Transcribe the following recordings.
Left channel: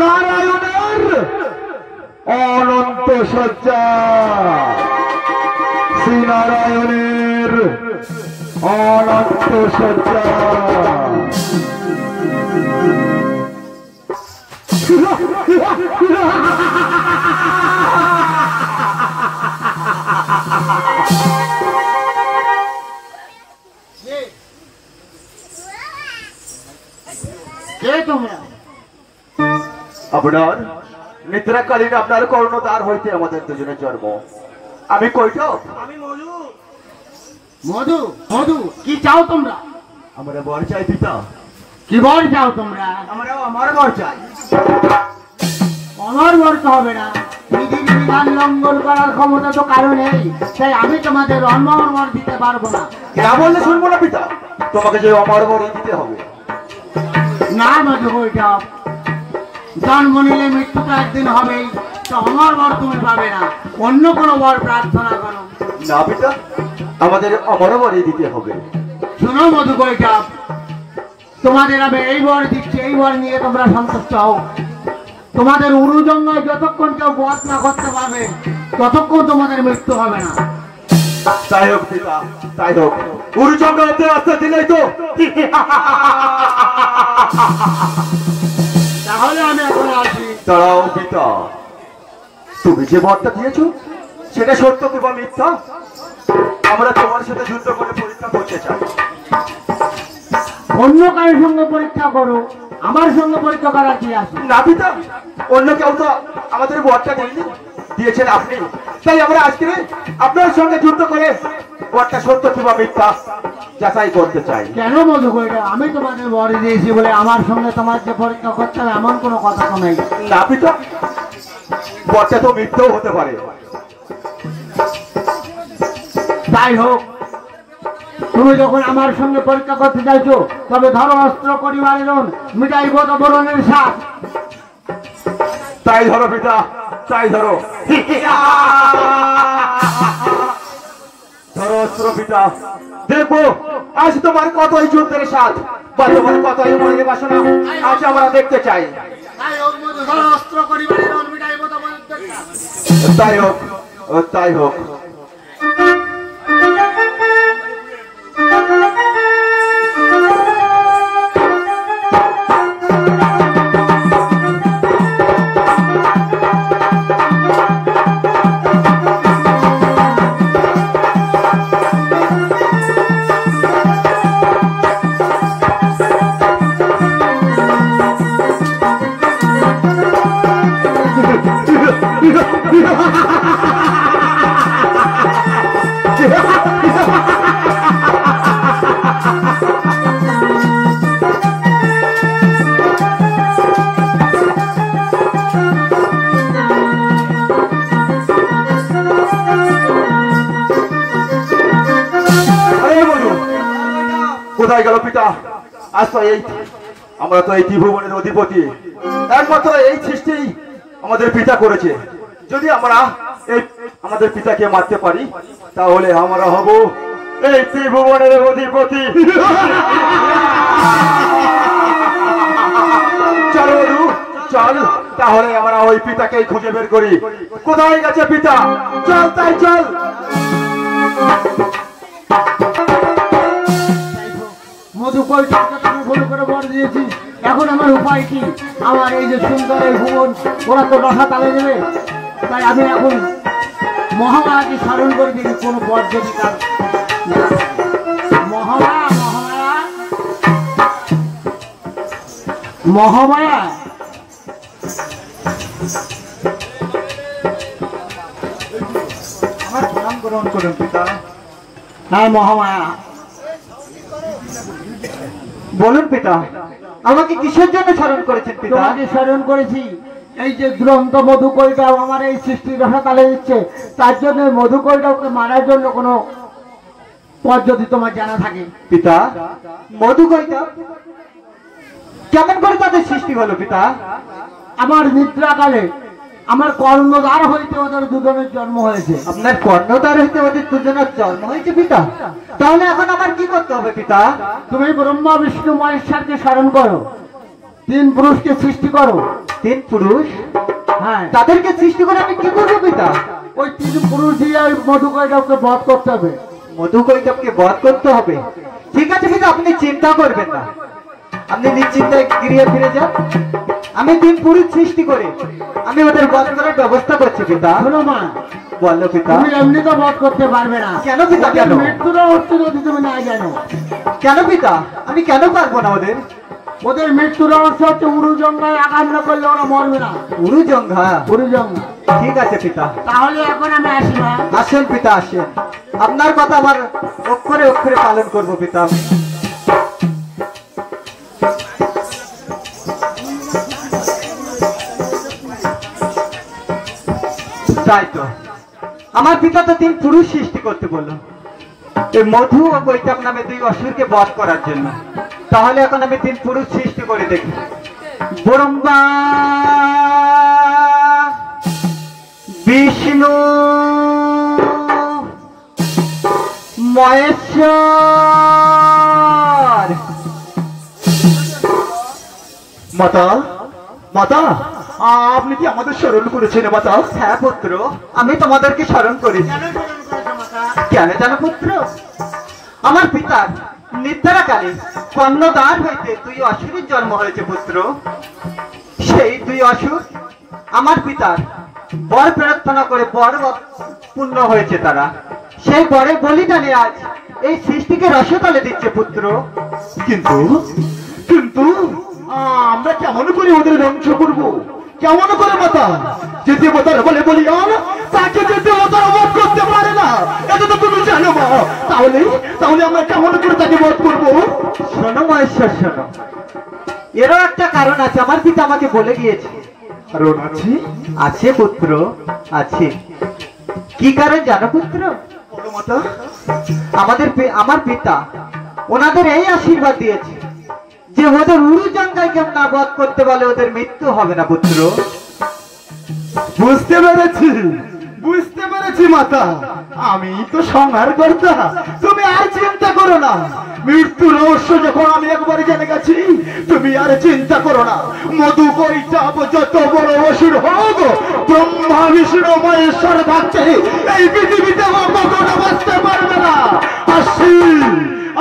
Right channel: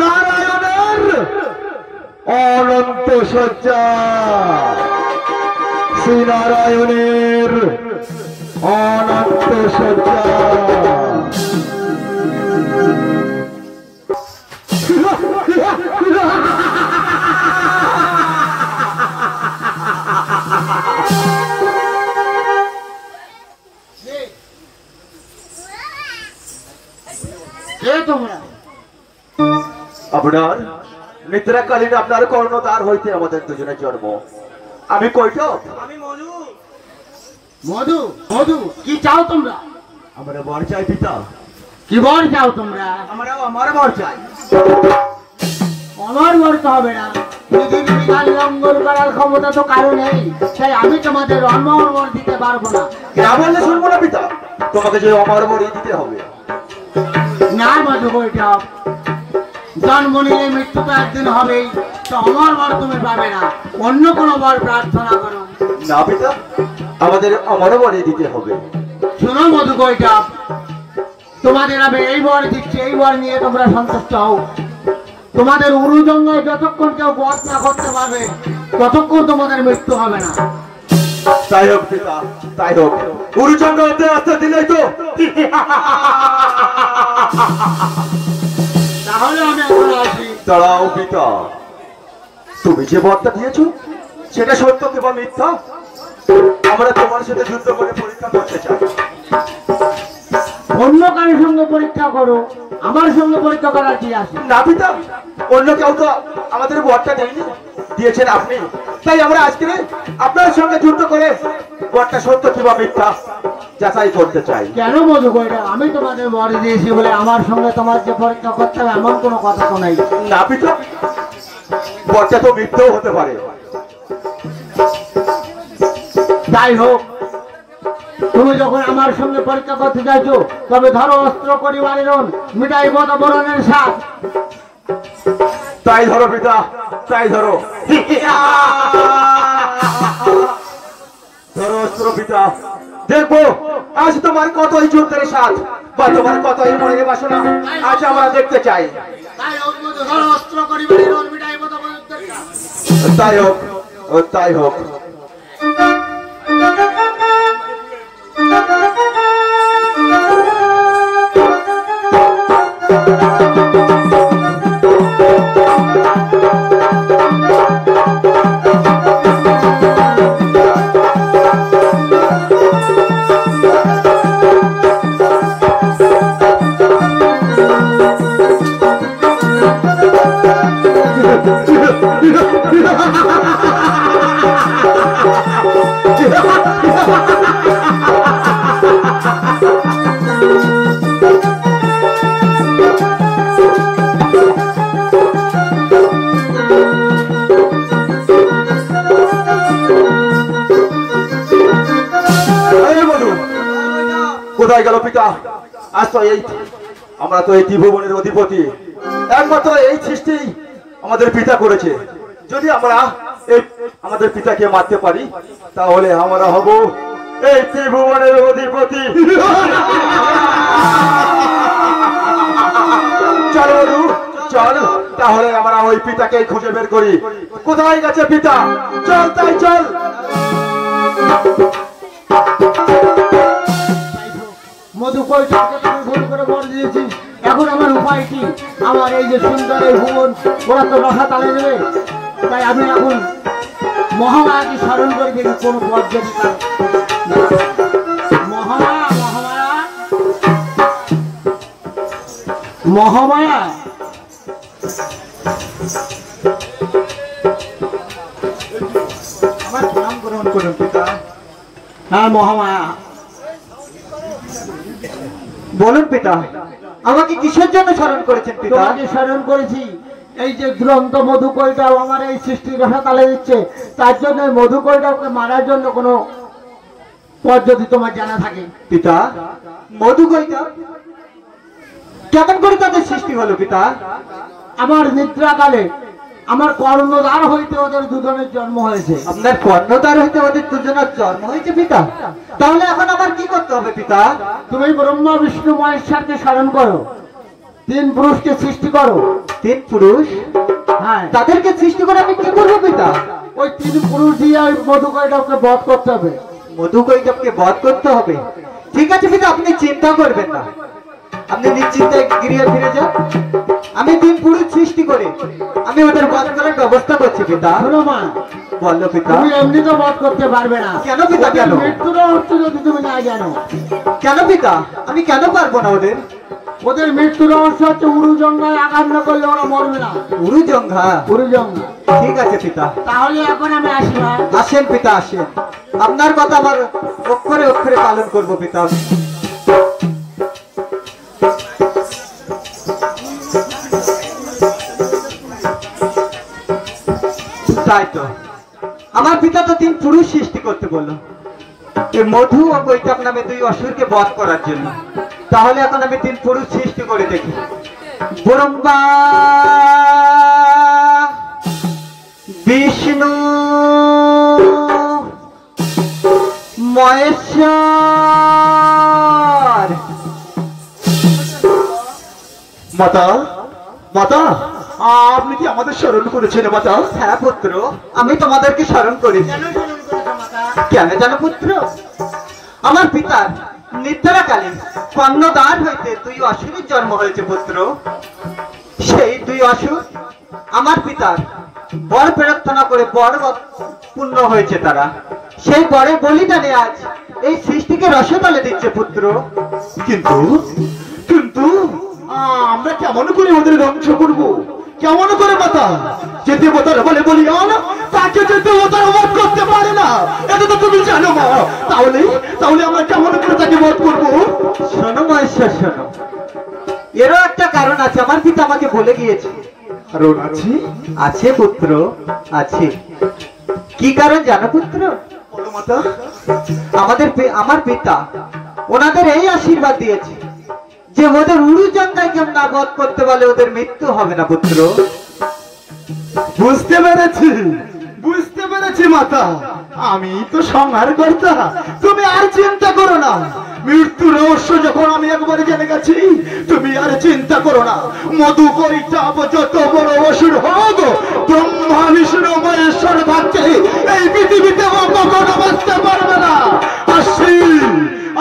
নারায়ণের অনন্ত সজ্জা, শ্রীনারায়ণের অনন্ত সজ্জা। আপনার নিদ্রাকালীন আপনার কর্ণদ্বার হইতে আমাদের দুজনের জন্ম। আমি কৈটব। আমি মধু। মধু মধু কি চাও তোমরা? আমরা বর চাই পিতা। কি বর চাও তোমরা? আমরা আমার বর চাই। আমার বর তো হবে না, বিধি বিধান লঙ্ঘন করার ক্ষমতা তো কারো নেই, তাই আমি তোমাদের অমর বর দিতে পারবো না। না বললে শুনবো না পিতা, তোমাকে যে অমর বরই দিতে হবে। না মধু কৈটব, জন্ম নিলে মৃত্যু তো একদিন হবেই, তো অমর বর তুমি পাবে না, অন্য কোনো বর প্রার্থনা করো। না পিতা, আমাদের অমর বরই দিতে হবে। শোনো মধু কৈটব, তোমাদের আমি এই বর দিচ্ছি, এই বর নিয়ে তোমরা সন্তুষ্ট হও। তোমাদের উরুজঙ্গে যতক্ষণ কেউ বধ না করতে পারবে ততক্ষণ তোমাদের মৃত্যু হবে না। তাই হোক পিতা, তাই হোক। উরুচন্দ্র আস্তে দিলেই তো। তাহলে আমি এখন আসি। দাঁড়াও পিতা, তুমি যে বরটা দিয়েছো সেটা সত্য কিংবা মিথ্যা আমরা তোমার সাথে যুদ্ধ করে পরীক্ষা করতে চাই। অন্য কারোর সঙ্গে পরীক্ষা করো, আমার সঙ্গে পরীক্ষা করার কি আছে? না পিতা, অন্য কেউ তো আমাদের বরটা দেয়নি, দিয়েছেন আপনি। তাই আমরা আজকে আপনার সঙ্গে যুদ্ধ করে বরটা সত্য কিংবা মিথ্যা যাচাই করতে চাই। কেন মধু কৈটব, আমি তোমাদের বর দিয়েছি বলে আমার সঙ্গে তোমার যে পরীক্ষা করতে হবে এমন কোনো কথা তো নাই। না পিতা, বরটা তো মিথ্যাও হতে পারে। যাই হোক, তুমি যখন আমার সঙ্গে পরীক্ষা করতে চাইছো তবে ধরো অস্ত্র পরিবারের মিটাই বদ বরণের সাথ। তাই ধরো পিতা, তাই ধরো। ধরো অস্ত্র পিতা, দেখবো আজ তোমার কতই যুদ্ধের সাথ বা তোমার কতই মনের বাসনা আজ আমরা দেখতে চাই। অস্ত্র পরিবারের মিটাই বদ বরণের সাথ। তাই হোক, তাই হোক। কোথায় গেল পিতা? আজ তো এই আমরা তো এই ত্রিভুবনের অধিপতি, একমাত্র এই সৃষ্টি আমাদের পিতা করেছে। যদি আমরা এই আমাদের পিতাকে মারতে পারি তাহলে আমরা হব এই ত্রিভুবনের অধিপতি। চল বধু চল, তাহলে আমরা ওই পিতাকে খুঁজে বের করি। কোথায় গেছে পিতা? চল তাই চল। মধু কৈটবকে তুমি ভুল করে বর দিয়েছিস, এখন আমার উপায় কি? আমার এই যে সুন্দর এই ভুবন ওরা তো দশা তালে দেবে, তাই আমি এখন মহামায়াকে স্মরণ করে দেখি কোন বর যদি মহামায়া মহামায়া আমার প্রণাম গ্রহণ করুন পিতা। হ্যাঁ মহামায়া, বলুন পিতা, আমাকে কিসের জন্য স্মরণ করেছেন পিতা? তোমাকে স্মরণ করেছি এই যে দুরন্ত মধু কৈটব আমার এই সৃষ্টির রসা তালে দিচ্ছে, তার জন্য মধু কৈটবকে মারার জন্য কোনো পদ্ধতি তোমার জানা থাকে? পিতা, মধু কৈটব কেমন করে তাদের সৃষ্টি হলো পিতা? আমার নিদ্রাকালে আমার কর্ণদ্বার হইতে ওদের দুজনের জন্ম হয়েছে। আপনার কর্ণদ্বার হইতে আমাদের দুজনের জন্ম হয়েছে পিতা? তাহলে এখন আমার কি করতে হবে পিতা? তুমি ব্রহ্মা বিষ্ণু মহেশ্বরকে স্মরণ করো, তিন পুরুষকে সৃষ্টি করো। তিন পুরুষ? হ্যাঁ, তাদেরকে সৃষ্টি করে আমি কি করবো পিতা? ওই তিন পুরুষ দিয়ে এই মধুকৈটবকে বধ করতে হবে। মধুকৈটবকে বধ করতে হবে? ঠিক আছে পিতা, আপনি চিন্তা করবেন না, আপনি নিশ্চিন্তায় গৃহে ফিরে যান। আমি তিন পুরুষ সৃষ্টি করে আমি ওদের বধ করার ব্যবস্থা করছি পিতা। শোনো মা, বললো পিতা। তুমি এমনি তো বধ করতে পারবে না। কেন পিতা? কেন? মৃত্যুটা হচ্ছে যদি তুমি না জানো। কেন পিতা? আমি কেন পারবো না? ওদের মৃত্যু রহস্য হচ্ছে উরুজঙ্গায় আঘাত না করলে ওরা মরবে না। উরুজঙ্গা? উরুজঙ্গা। ঠিক আছে পিতা। তাহলে এখন আমি আসি মা। আসেন পিতা, আসেন। আপনার কথা আমার অক্ষরে অক্ষরে পালন করবো পিতা। তাই তো, আমার পিতা তো তিন পুরুষ সৃষ্টি করতে বললো এই মধু ও কৈটব নামে দুই অসুরকে বধ করার জন্য। তাহলে এখন আমি তিন পুরুষ সৃষ্টি করে দেখি। ব্রহ্মা, বিষ্ণু, মহেশ্বর। মাতা, মাতা, আপনি কি আমাদের স্মরণ করেছেন মাতা? হ্যাঁ পুত্র, আমি তোমাদেরকে স্মরণ করেছি। কেন জানো পুত্র? আমার পিতার নিদ্রাকালীন কর্ণদ্বার হইতে দুই অসুরের জন্ম হয়েছে পুত্র। সেই দুই অসুর আমার পিতার বর প্রার্থনা করে বর পূর্ণ হয়েছে তারা। সেই বরের বলিদানে আজ এই সৃষ্টিকে রসতলে দিচ্ছে পুত্র। কিন্তু কিন্তু আমরা কেমন করে ওদের ধ্বংস করবো? কেমন করে মাতা? যেতে মাতার বলে বলি তাকে যেতে তারা বধ করতে পারে না, এটা তো তুমি জানো মা। তাহলে তাহলে আমরা কেমন করে তাকে বধ করবো? শোনো মহেশ্বর, শোনো, এরও একটা কারণ আছে। আমার পিতা আমাকে বলে গিয়েছে। কারণ আছে? আছে পুত্র, আছে। কি কারণ জানো পুত্র? বলো মাতা। আমার পিতা ওনাদের এই আশীর্বাদ দিয়েছে যে ওদের উরুজঙ্গায় কেউ না বধ করতে পারলে ওদের মৃত্যু হবে না পুত্র। বুঝতে পেরেছি, বুঝতে পেরেছি মাতা। আমি তো সংহার কর্তা, তুমি আর চিন্তা করো না। মৃত্যু রহস্য যখন আমি একবার জেনে গেছি, তুমি আর চিন্তা করো না। মধু কৈটব যত বড় অসুর হোক, ব্রহ্মা বিষ্ণু মহেশ্বর থাকতে এই পৃথিবীতে কখনো বাঁচতে পারবে না। আসছি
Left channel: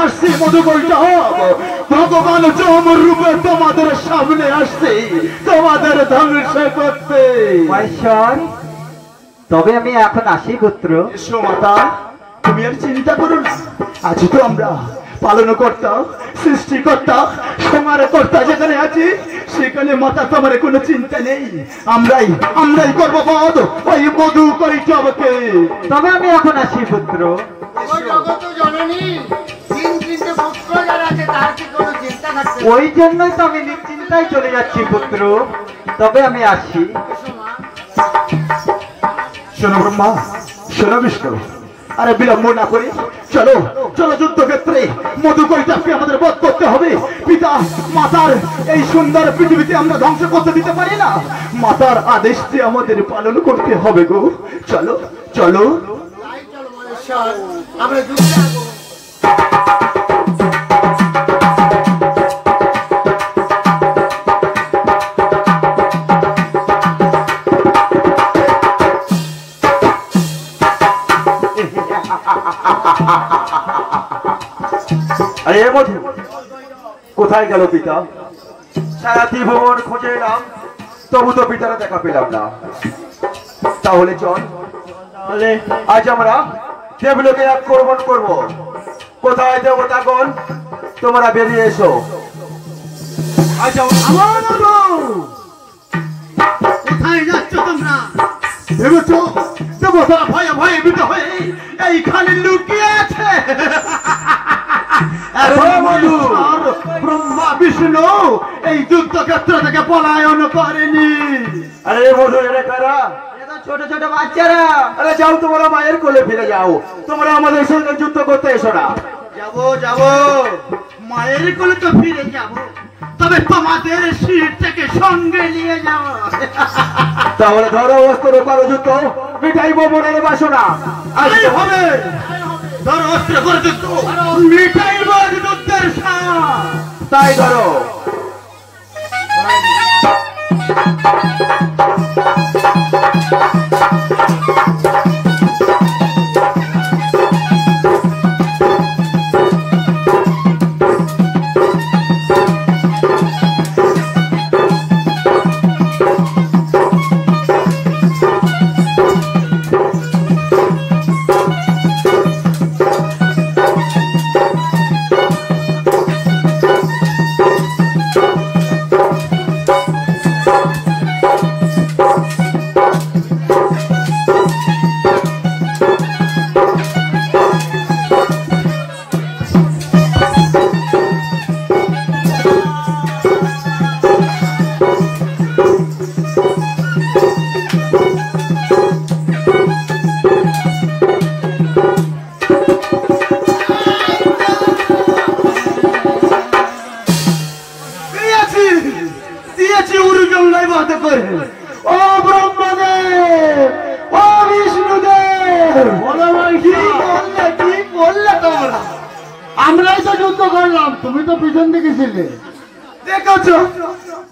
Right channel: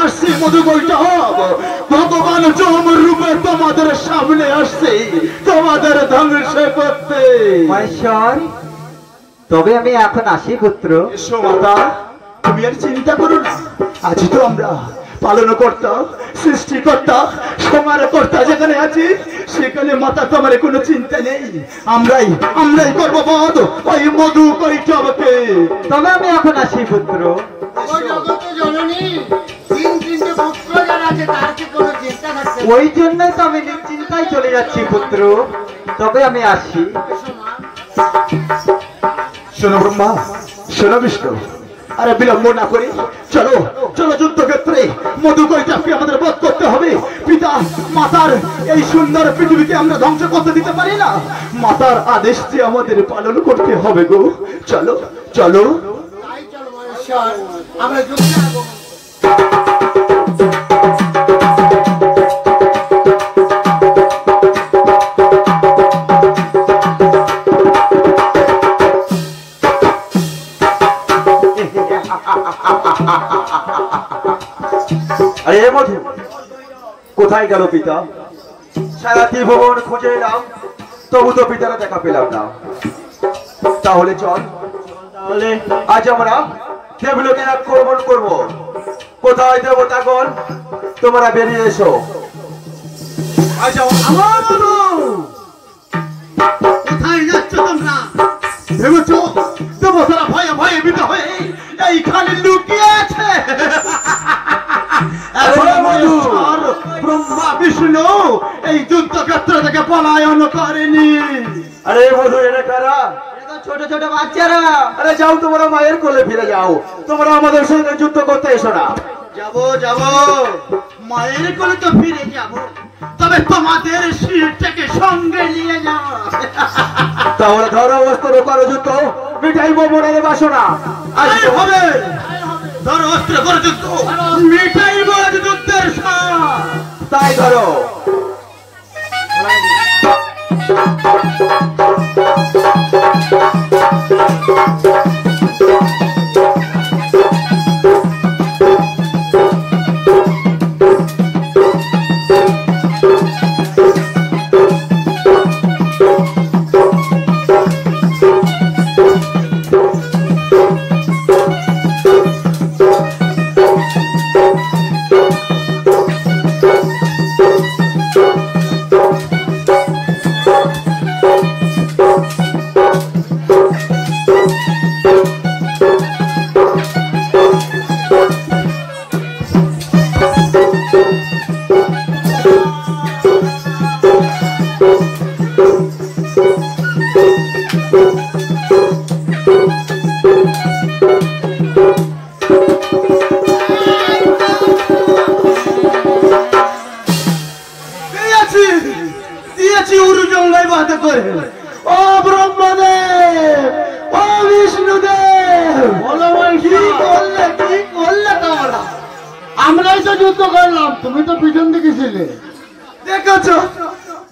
আসছি মধু কৈটব, ভগবান চমর রূপে তোমাদের সামনে আসছে তোমাদের ধ্বংস করতে। মহেশ্বর, তবে আমি এখন আসি পুত্র। এসো মাতা, তুমি আর চিন্তা করো না। আজ তো আমরা পালনকর্তা, সৃষ্টিকর্তা, সমারকর্তা যেখানে আছি সেখানে মাতা তোমার কোনো চিন্তা নেই। আমরাই করবো বধ ওই মধু কৈটবকে। তবে আমি এখন আসি পুত্র। ওই জন্যই তো আমি নিশ্চিন্তায় চলে যাচ্ছি পুত্র। তবে আমি আসি। শোনো ব্রহ্মা, শোনো বিষ্ণু, আরে বিলম্ব না করে চলো চলো যুদ্ধক্ষেত্রে। মধু কৈটবকে আমাদের বধ করতে হবে। পিতা মাতার এই সুন্দর পৃথিবীতে আমরা ধ্বংস করতে দিতে পারি না। মাতার আদেশ যে আমাদের পালন করতে হবে গো। চলো চলো। আমরা যুদ্ধে আরে মধু কোথায় গেল পিতা? সারা ত্রিভুবন খুঁজে এলাম, তবু তো পিতারা দেখা পেলাম না। তাহলে চল, তাহলে আজ আমরা দেবলোকের আক্রমণ করব। কোথায় দেবতাগণ, তোমরা বেরিয়ে এসো। আজ কোথায় যাচ্ছ তোমরা? ভেবেছ দেবতারা ভয়ে ভয়ে ভীত হয়ে এইখানে লুকিয়ে আছে? ব্রহ্মা বিষ্ণু এই যুদ্ধক্ষেত্র থেকে পলায়ন করেনি। আরে মধু, এরা কারা? ছোট ছোট বাচ্চারা। আরে যাও, তোমরা মায়ের কোলে ফিরে যাও। তোমরা আমাদের সঙ্গে যুদ্ধ করতে এসো না। যাবো মায়ের কোলে তো ফিরে যাবো, তবে তোমাদের শিরটাকে সঙ্গে নিয়ে যাবো। তাহলে ধরো অস্ত্র, করো যুদ্ধ, মিটাইব মনের বাসনা। আজ হবে ধরো অস্ত্র করে যুদ্ধ, মিটাইব যুদ্ধের সাথ। তাই ধরো। আমরাই তো যুদ্ধ করলাম, তুমি তো পিছন দিকে ছিলে। দেখেছো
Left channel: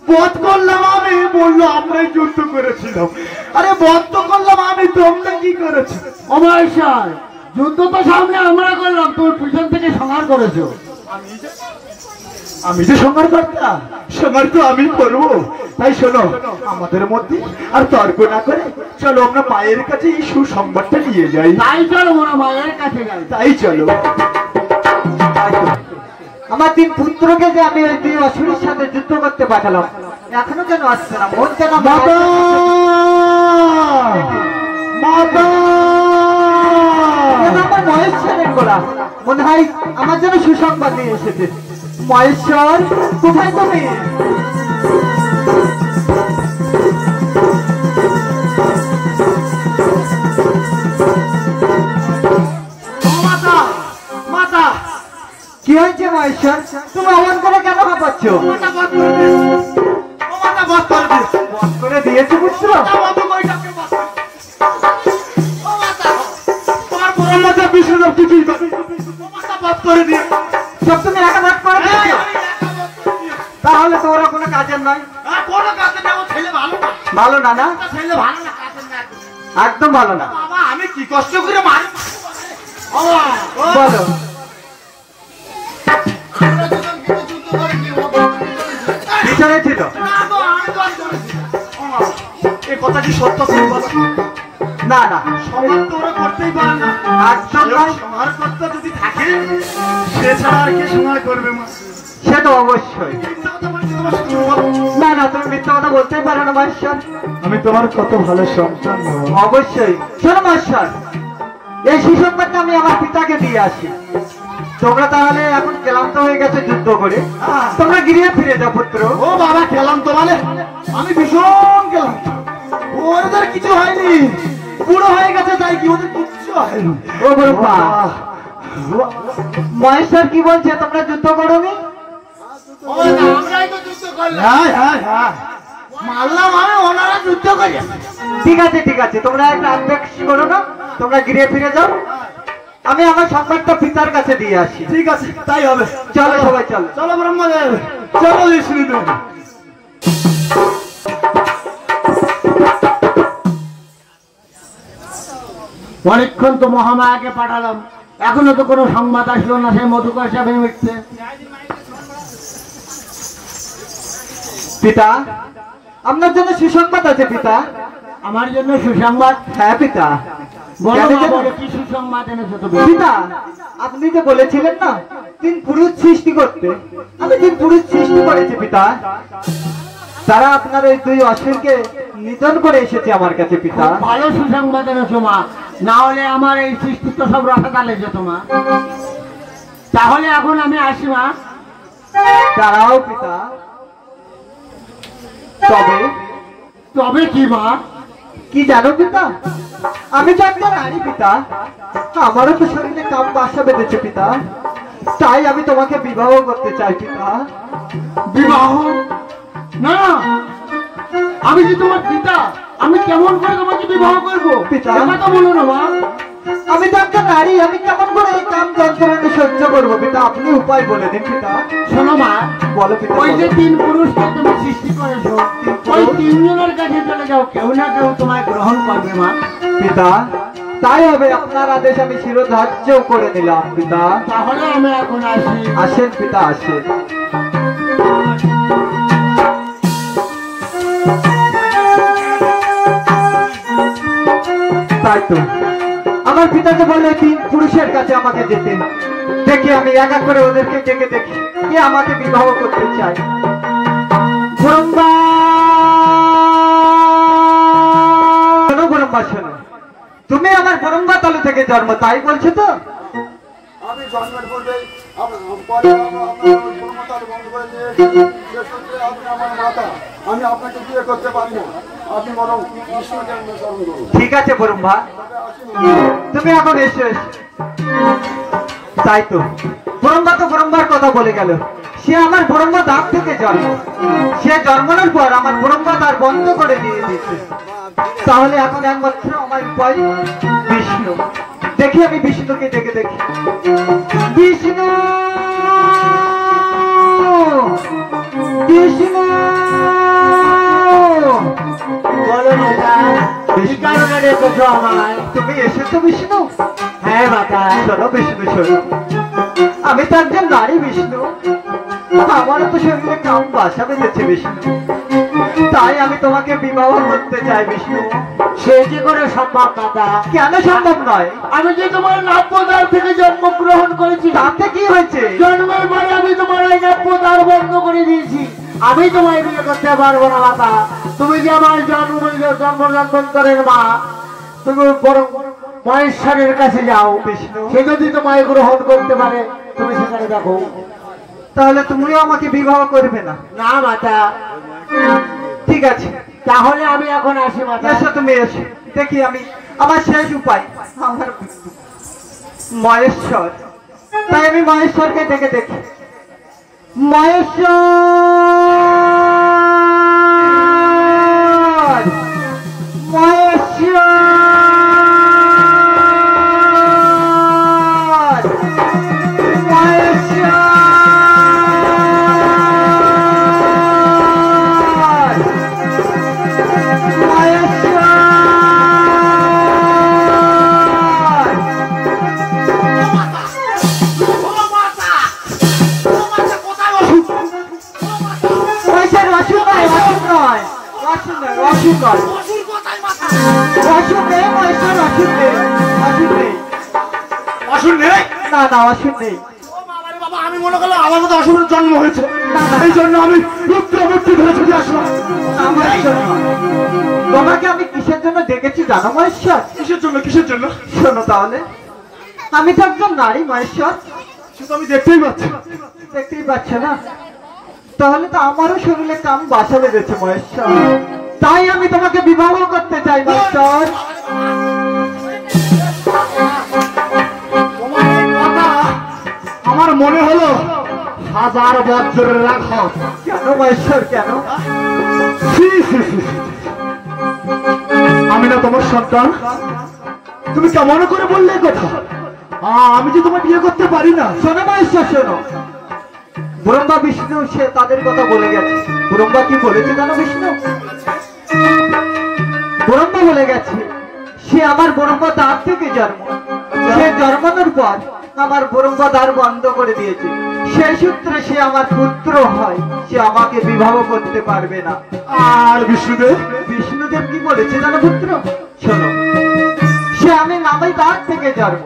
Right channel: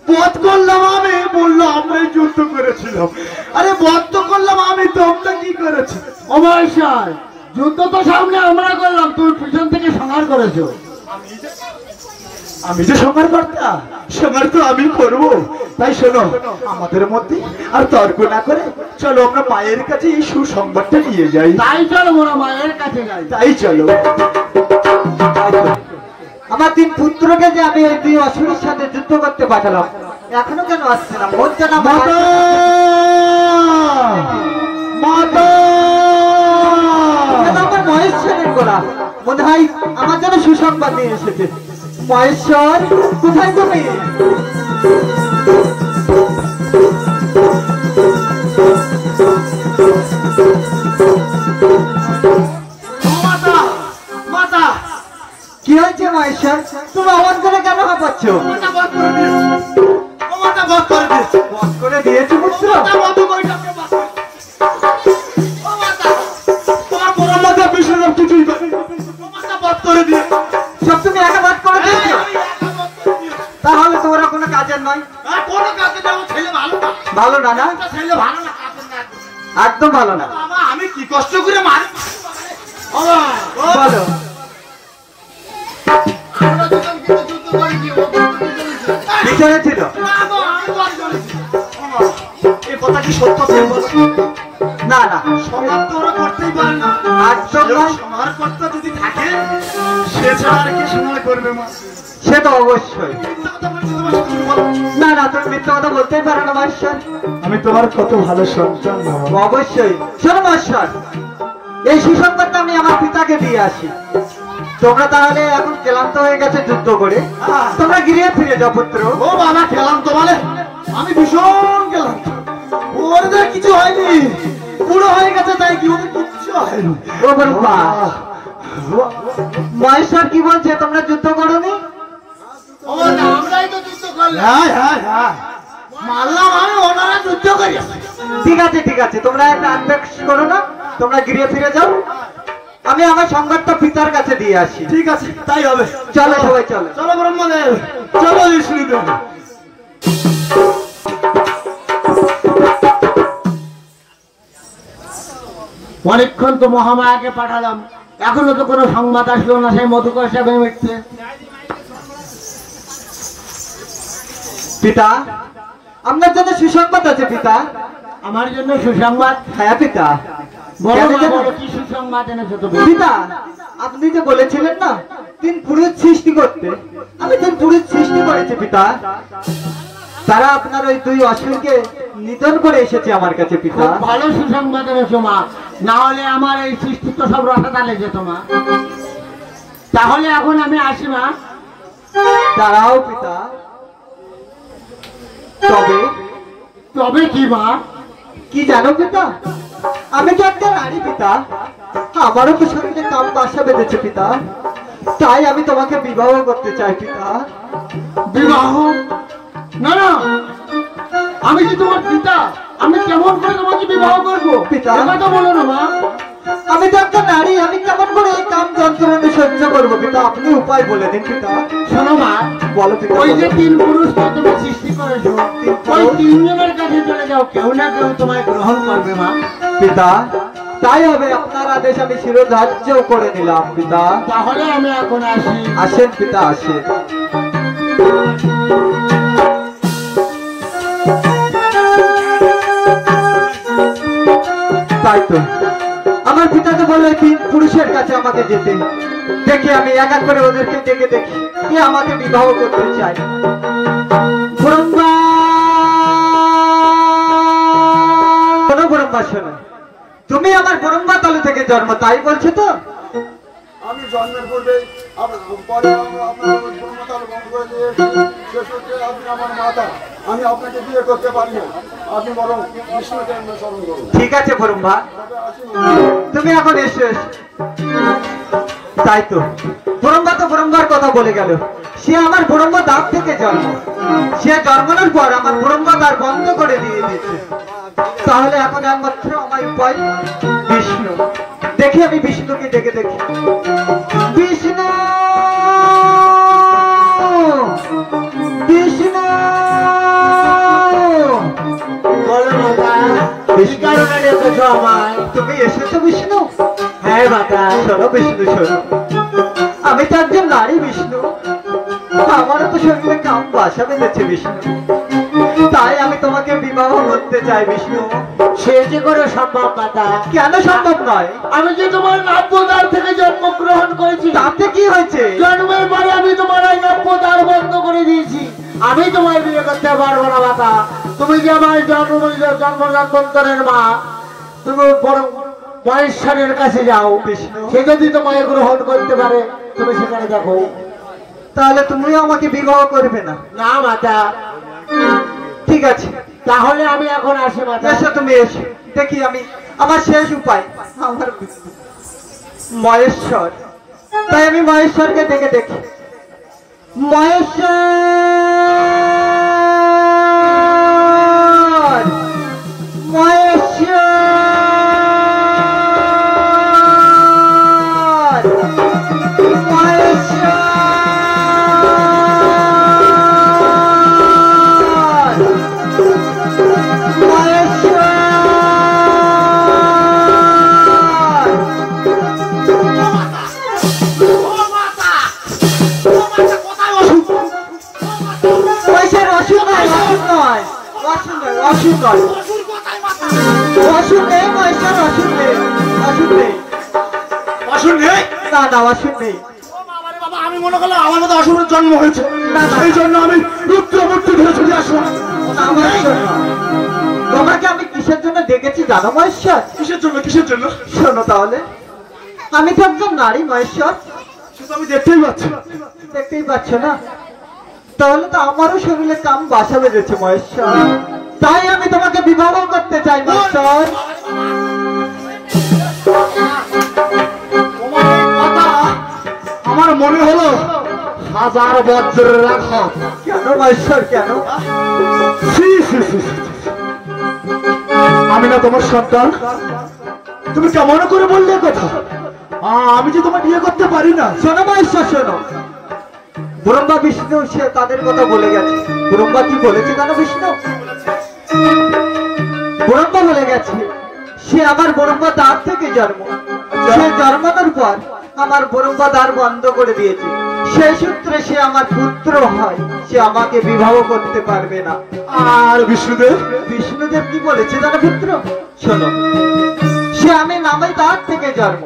বধ করলাম আমি, বললো আমরাই যুদ্ধ করেছিলাম। আরে বধ তো করলাম আমি, তোমরা কি করেছো? অমাইশার যুদ্ধ তো সামনে আমরা করলাম, তুমি পিছন থেকে সংহার করেছো। আমি যে সংহার কর্তা, সংহার তো আমি করবো। তাই শোনো, আমাদের মধ্যে আর তর্ক না করে চলো আমরা মায়ের কাছে এই সুসংবাদটা নিয়ে যাই। তাই চলো মোরা মায়ের কাছে যাই। তাই চলো। আমার 3 পুত্রকে যে আমি ওই 2 অসুরের সাথে যুদ্ধ করতে পাঠালাম, এখনো কেন আসছে না? বলছে না মাতা, মাতা, আমার মহেশ্বরের গোড়া, মনে হয় আমার জন্য সুসংবাদ নিয়ে এসেছে। মহেশ্বর, কোথায় তুমি? কি হয়েছে মহেশ্বর? তুমি অবাক করে কেন ভাবাচ্ছ? বধ করে দিয়েছে পুত্র? সব তুমি একা ভাগ করে দিয়েছো? তাহলে তো ওরা কোনো কাজের নয়। ভালো না? না একদম ভালো না। আমি কি কষ্ট করে মারি বলো। ভিতরে ছিল? এই কথা কি সত্য? তুমি বলো। না না, সমাজ তো ওরা করতেই পারে না। একদম নয়। সমাজকর্তা যদি থাকে, সে ছাড়া আর কে সমাজ করবে? মা, সে তো অবশ্যই। মিথ্যা কথা বলছি তোমার সাথে বলো। না না, তুমি মিথ্যা কথা বলতেই পারো না মহেশ্বর। আমি তোমার কত ভালো সন্তান। অবশ্যই। শোনো মহেশ্বর, এই সুসংবাদটা আমি আমার পিতাকে দিয়ে আসি। তোমরা তাহলে এখন ক্লান্ত হয়ে গেছে যুদ্ধ করে, তোমরা গৃহে ফিরে যাও পুত্র। ও বাবা, খেলাম তো বলে, আমি ভীষণ গেলাম। ওদের কিছু হয়নি, পুরো হয়ে গেছে। তাই কি ওদের কিচ্ছু হয়নি? ও বড় পা, মহেশ্বর কি বলছে? তোমরা যুদ্ধ করোনি? আমরাই তো যুদ্ধ করলাম। হ্যাঁ হ্যাঁ হ্যাঁ, মারলাম আমি, ওনারা যুদ্ধ করে। ঠিক আছে ঠিক আছে, তোমরা একটা আবেগ করো না, তোমরা গৃহে ফিরে যাও। আমি আমার সংবাদটা পিতার কাছে দিয়ে আসি। ঠিক আছে, তাই হবে। চলো সবাই চলো। চলো ব্রহ্মদেব, চলো বিষ্ণুদেব। অনেকক্ষণ তো মহামায়াকে পাঠালাম, এখনো তো কোনো সংবাদ আসলো না। সেই মধুকর সাহেব মিটছে। পিতা, আপনার জন্য সুসংবাদ আছে পিতা। আমার জন্য সুসংবাদ? হ্যাঁ পিতা। বলো কেন না, জানো? বলো, কি সুসংবাদ এনেছো তুমি? পিতা, আপনি যে বলেছিলেন না 3 পুরুষ সৃষ্টি করতে, আমি 3 পুরুষ সৃষ্টি করেছি পিতা। তারা আপনার ওই 2 অসুরকে নিধন করে এসেছে আমার কাছে পিতা। খুব ভালো সুসংবাদ এনেছো মা, না হলে আমার এই সৃষ্টি তো সব রসাতালে যেত মা। তাহলে এখন আমি আসি মা। তারাও পিতা। তবে তবে কি মা? কি জানো পিতা, আমি তো একটা নারী পিতা, আমারও তো শরীরে কাম বাসা বেঁধেছে পিতা। তাই আমি তোমাকে বিবাহ করতে চাই পিতা। বিবাহ? না না, আমি কি তোমার পিতা? আমি কেমন করে তোমাকে বিবাহ করবো? পিতা। কথা বলো না মা। আমি তো একটা নারী, আমি কেমন করে এই কাম যন্ত্রণা সহ্য করবো পিতা? আপনি উপায় বলে দিন পিতা। শোনো মা, বলো পিতা, ওই যে বলো। 3 পুরুষকে তুমি সৃষ্টি করেছো, ওই 3 জনের কাছে চলে যাও, কেউ না কেউ তোমায় গ্রহণ করবে মা। পিতা তাই হবে, আপনার আদেশ আমি শিরোধার্য করে নিলাম পিতা। তাহলে আমি এখন আসি। আসেন পিতা, আসেন। তাই তো আমার পিতা তো বললো 3 পুরুষের কাছে আমাকে যেতে। দেখি আমি এক এক করে ওদেরকে ডেকে দেখি কে আমাকে বিবাহ করতে চাই। ব্রহ্মা, শোনো ব্রহ্মা, শোনো, তুমি আমার ব্রহ্মা তালু থেকে জন্ম, তাই বলছো তো? আমি জন্মের পূর্বে পরে আপনার ব্রহ্মতার বন্ধ করে দিয়েছি, সে সূত্রে আপনি আমার মাতা, আমি আপনাকে বিয়ে করতে পারি না, আপনি বরং বিষ্ণুকে স্মরণ করুন। ঠিক আছে ব্রহ্মা, তবে আসুন। তুমি এখন এসো। তাই তো ব্রহ্মা তো ব্রহ্মার কথা বলে গেল, সে আমার ব্রহ্মা দাঁত থেকে জন্ম, সে জন্মানোর পর আমার ব্রহ্মা দ্বার বন্ধ করে দিয়ে দিয়েছে। তাহলে এখন একমাত্র আমার উপায় বিষ্ণু। দেখি আমি বিষ্ণুকে ডেকে দেখি। বিষ্ণু, বিষ্ণু, বলো মাতা, কি কারণে ডেকেছো আমায়? তুমি এসেছো বিষ্ণু? হ্যাঁ মাতা। শোনো বিষ্ণু, শোনো, আমি তো একজন নারী বিষ্ণু, আমারও তো শরীরে কাম বাসা বেঁধেছে বিষ্ণু, তাই আমি তোমাকে বিবাহ করতে চাই বিষ্ণু। সে কি করে সম্ভব মাতা? কেন সম্ভব নয়? আমি যে তোমার নাব্যদ্বার থেকে জন্মগ্রহণ করেছি, তাতে কি হয়েছে? জন্মের পরে আমি তোমার এই নাব্যদ্বার বন্ধ করে দিয়েছি, আমি তোমায় বিয়ে করতে পারবো না মাতা। তুমি যে আমার জন্মান্তরের মা, তুমি বরং মহেশ্বরের কাছে যাও, বিষ্ণু, সে যদি তোমায় গ্রহণ করতে পারে তুমি সেখানে দেখো। তাহলে তুমিও আমাকে বিবাহ করবে না? না মাতা। ঠিক আছে, তাহলে আমি এখন আসি মাতা। এসো, তুমি এসো। দেখি আমি আমার শেষ উপায় আমার মহেশ্বর, তাই আমি মহেশ্বরকে ডেকে দেখি। মহেশ্বর, মহেশ্বর, মহেশ্বর, আমি মনে করলাম আমার মতো অসুরের জন্ম হয়েছে, এই জন্য আমি রুদ্রমূর্তি ধরে ছুটে আসলাম। তোমাকে আমি কিসের জন্য ডেকেছি জানো মহেশ্বর? কিসের জন্য, কিসের জন্য? শোনো তাহলে, আমি তো একজন নারী মহেশ্বর, সেটা আমি দেখতেই পাচ্ছি। দেখতেই পাচ্ছ না? তাহলে তো আমারও শরীরে কাম বাসা বেঁধেছে মহেশ্বর, তাই আমি তোমাকে বিবাহ করতে চাই মহেশ্বর। তোমার এই কথা আমার মনে হলো 1000 বজ্রের রাখত। কেন মহেশ্বর, কেন? ছি, ছি, ছি, ছি। আমি না তোমার সন্তান? তুমি কেমন করে বললে এ কথা? আমি যে তোমার বিয়ে করতে পারি না। শোনো মহেশ্বর, শোনো, ব্রহ্মা বিষ্ণু সে তাদের কথা বলে গেছে। ব্রহ্মা কি বলেছে জানো বিষ্ণু? ব্রহ্মা বলে গেছে সে আমার ব্রহ্মা দ্বার থেকে জন্ম, সে জন্মানোর পর আমার ব্রহ্মা দ্বার বন্ধ করে দিয়েছে, সেই সূত্রে সে আমার পুত্র হয়, সে আমাকে বিবাহ করতে পারবে না। আর বিষ্ণুদেব? বিষ্ণুদেব কি বলেছে জানো পুত্র? শোনো, সে আমি নাভি দ্বার থেকে জন্ম,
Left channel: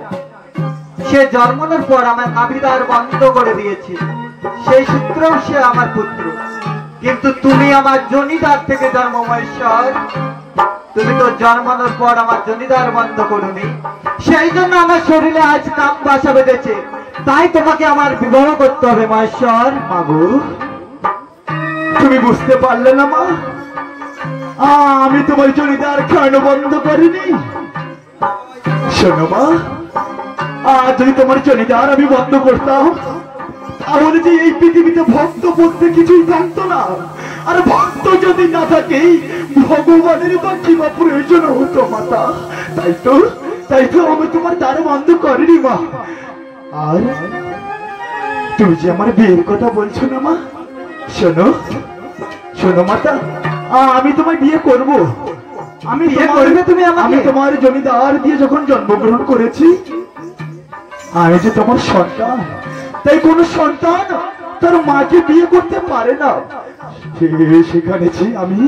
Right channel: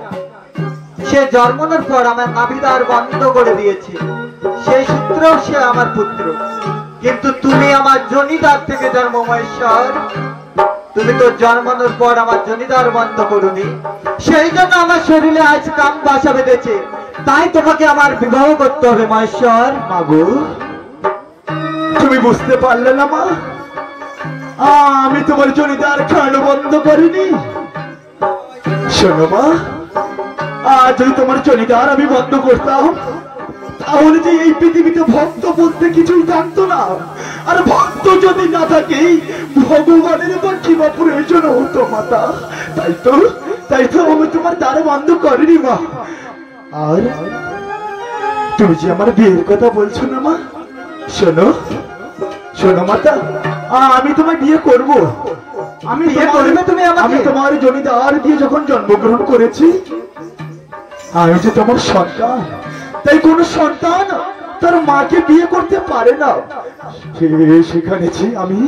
সে জন্মানোর পর আমার নাভি দ্বার বন্ধ করে দিয়েছে, সেই সূত্রেও সে আমার পুত্র। কিন্তু তুমি আমার জনিদার থেকে জন্ম মহেশ্বর, তুমি তো জন্মানোর পর আমার জনিদার বন্ধ করুনি, সেই জন্য আমার শরীরে আজ কাম বাসা বেঁধেছে, তাই তোমাকে আমার বিবাহ করতে হবে মহেশ্বর। মাগো, তুমি বুঝতে পারলে না মা? আমি তোমার জনিদার খাওয়ানো বন্ধ করিনি। শোনো মা, যদি তোমার জনিদার আমি বন্ধ করতাম, তাহলে যে এই পৃথিবীতে ভক্ত বলতে কিছুই থাকতো না, আর ভক্ত যদি না থাকে ভগবানের তো কি বা প্রয়োজন হতো মাতা। তাই তো আমি তোমার দ্বার বন্ধ করিনি মা। আর তুমি যে আমার বিয়ের কথা বলছো না মা, শোনো শোনো মাতা, আমি তোমায় বিয়ে করব। আমি বিয়ে করবে তুমি আমাকে? আমি তোমার জমিদার দিয়ে যখন জন্মগ্রহণ করেছি, আমি যে তোমার সন্তান, তাই কোন সন্তান তার মাকে বিয়ে করতে পারে না। সেখানে আমি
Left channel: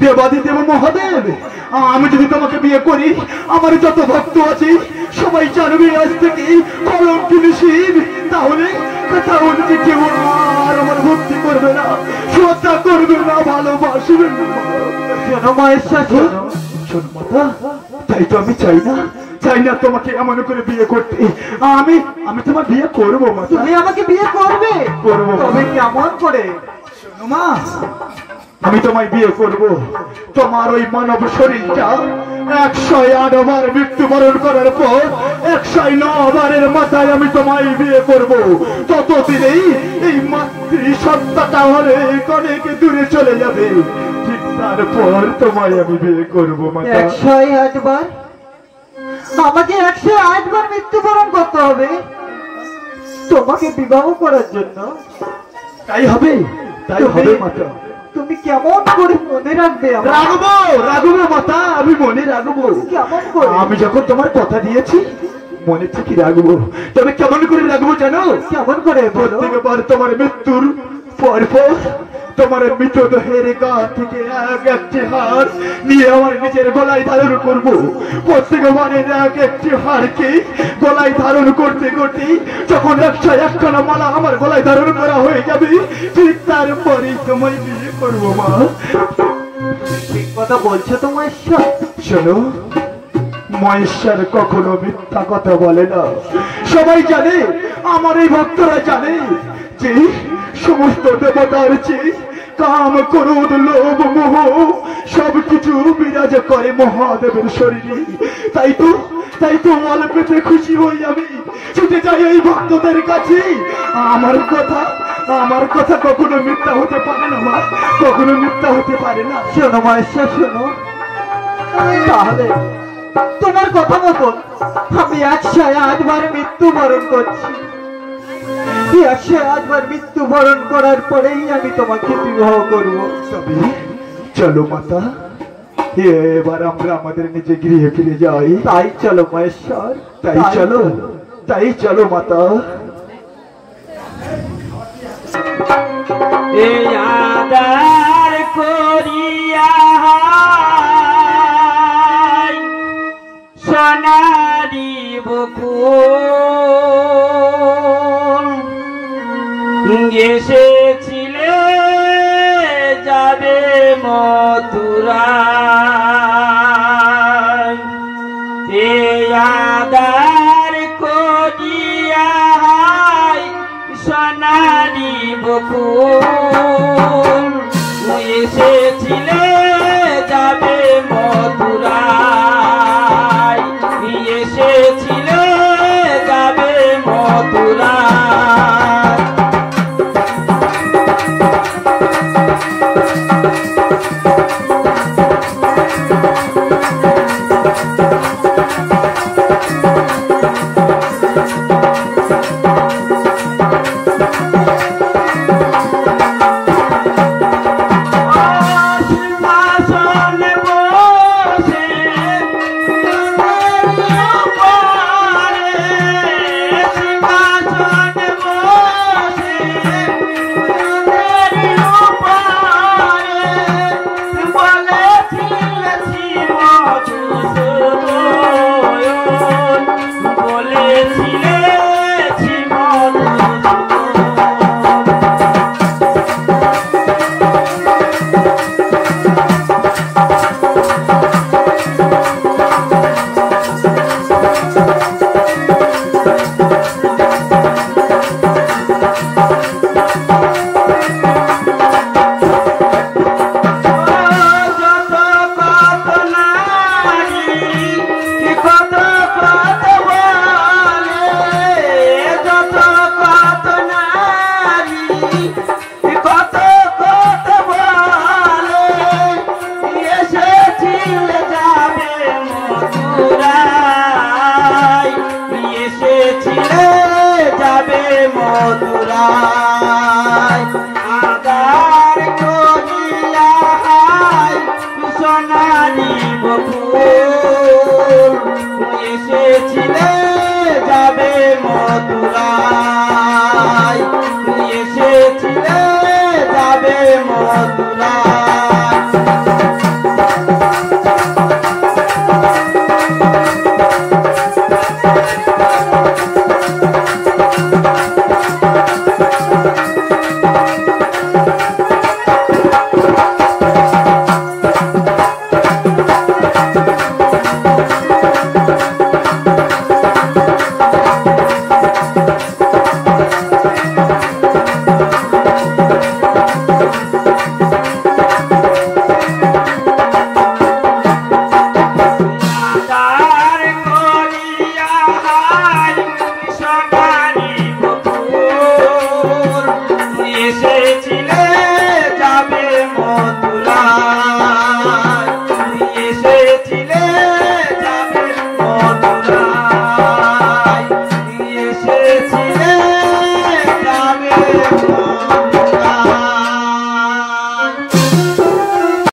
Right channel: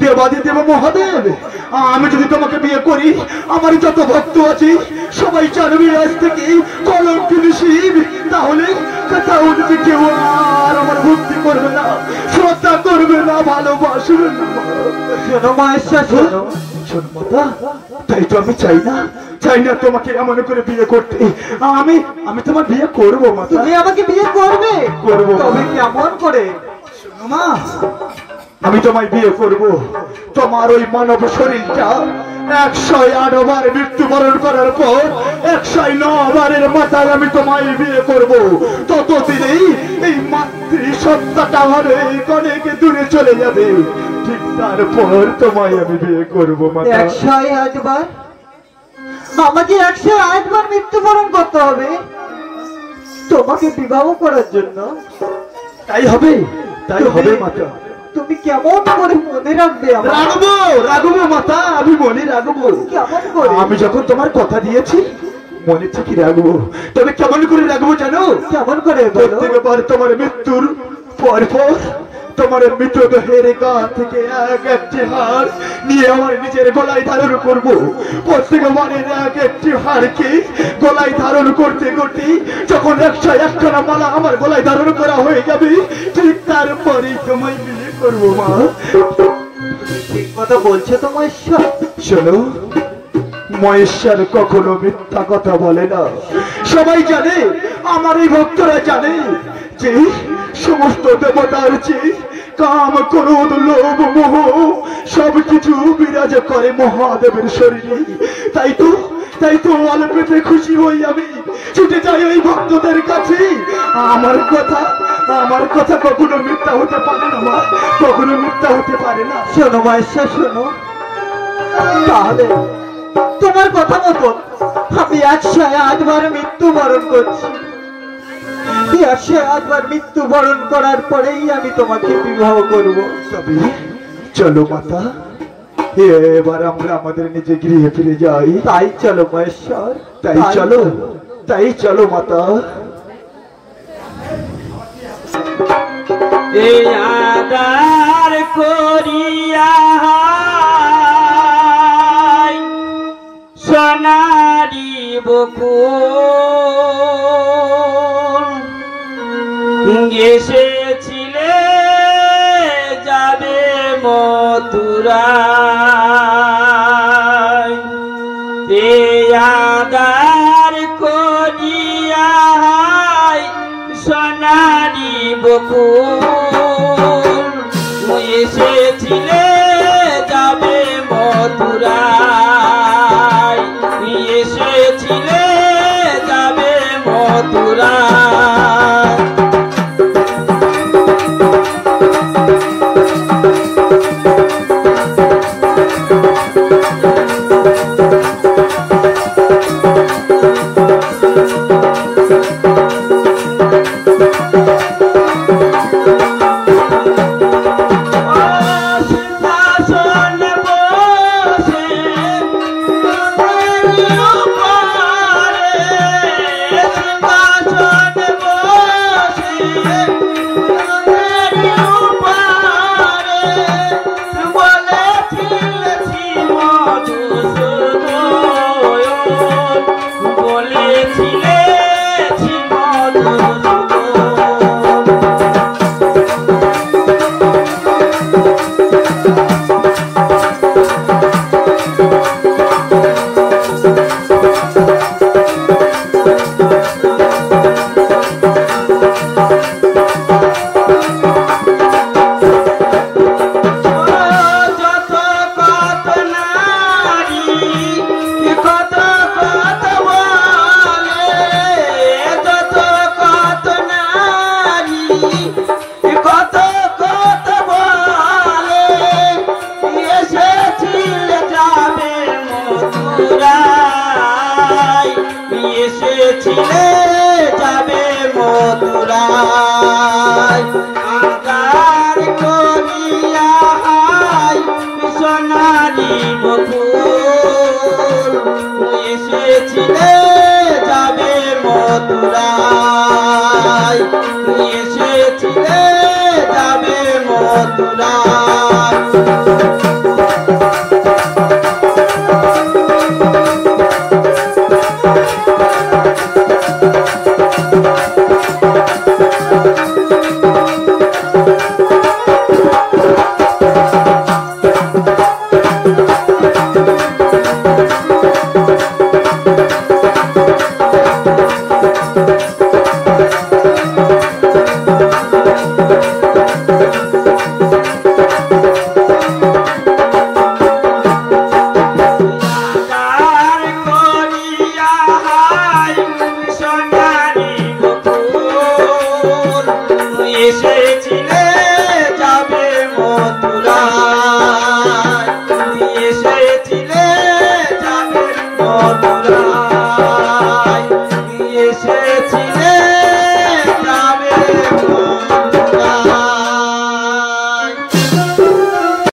দেবাদিদেব মহাদেব, আমি যদি তোমাকে বিয়ে করি, আমার যত ভক্ত আছে সবাই জানবে আজ থেকে কলঙ্কিনী শিব। তাহলে যে কেউ আর আমার ভক্তি করবে না, শ্রদ্ধা করবে না, ভালোবাসবে না। শোনো মহেশ্বর, শোনো। শোনো মাতা, তাই তো আমি চাই না তোমাকে এমন করে বিয়ে করতে। আমি তোমার বিয়ে করবো মাতা। তুমি আমাকে বিয়ে করবে? করবো। তবে কেমন করে? শোনো মা, আমি তোমায় বিয়ে করব। তোমার ওই মানব শরীরটা 108 বার মৃত্যুবরণ করার পর 109 বারের মাথায় আমি তোমায় বিয়ে করব। ততদিনেই এই মাতৃসত্তাটা আমার অনেক দূরে চলে যাবে। ঠিক তারপর তোমায় আমি বিয়ে করবো মাতা। 108 বার? আমাকে 108 বার মৃত্যুবরণ করতে হবে তোমাকে বিবাহ করার জন্য? তাই হবে মাতা। তুমি কেমন করে মনে রাখবে? রাখবো মাতা, আমি মনে রাখবো। কেমন করে? আমি যখন তোমার কথা দিয়েছি মনে থেকে রাখবো। তবে কেমন করে রাখবো জানো? কেমন করে? প্রত্যেকবার তোমার মৃত্যুর পর তোমার মৃতদেহের গা থেকে একটি হার নিয়ে আমার নিজের গলায় ধারণ করবো। প্রত্যেকবারের একটি হারকে গলায় ধারণ করতে করতে যখন 101খানা মালা আমার গলায় ধারণ করা হয়ে যাবে, ঠিক তারপরেই তোমায় বিয়ে করবো মা। ঠিক কথা বলছো তো মহেশ্বর। শোনো, মহেশ্বর কখনো মিথ্যা কথা বলে না। সবাই জানে, আমার এই ভক্তরা জানে যে সমস্ত দেবতার চেয়ে কাম, ক্রোধ, লোভ, মোহ সবকিছু বিরাজ করে মহাদেবের শরীরে। তাই তো অল্পেতে খুশি হই আমি ছুটে যাই এই ভক্তদের কাছে। আমার কথা কখনো মিথ্যা হতে পারে না মা, কখনো মিথ্যা হতে পারে না। শোনো মহেশ্বর, শোনো। তাহলে তোমার কথা মতো আমি 108 বার মৃত্যুবরণ করছি। 108 বার মৃত্যুবরণ করার পরেই আমি তোমাকে বিবাহ করব। চলো মাতা, এবার আমরা আমাদের নিজে গৃহে ফিরে যাই। তাই চলো মহেশ্বর, তাই চলো মাতা। এই আদার করিয়া সোনারি বকুল এসেছিলে যাবে মথুরায়। এই আদার করিয়া সোনারি বকুল এসেছিলে যাবে মথুরায়, এসেছিলে যাবে মথুরায়। এসেছিলে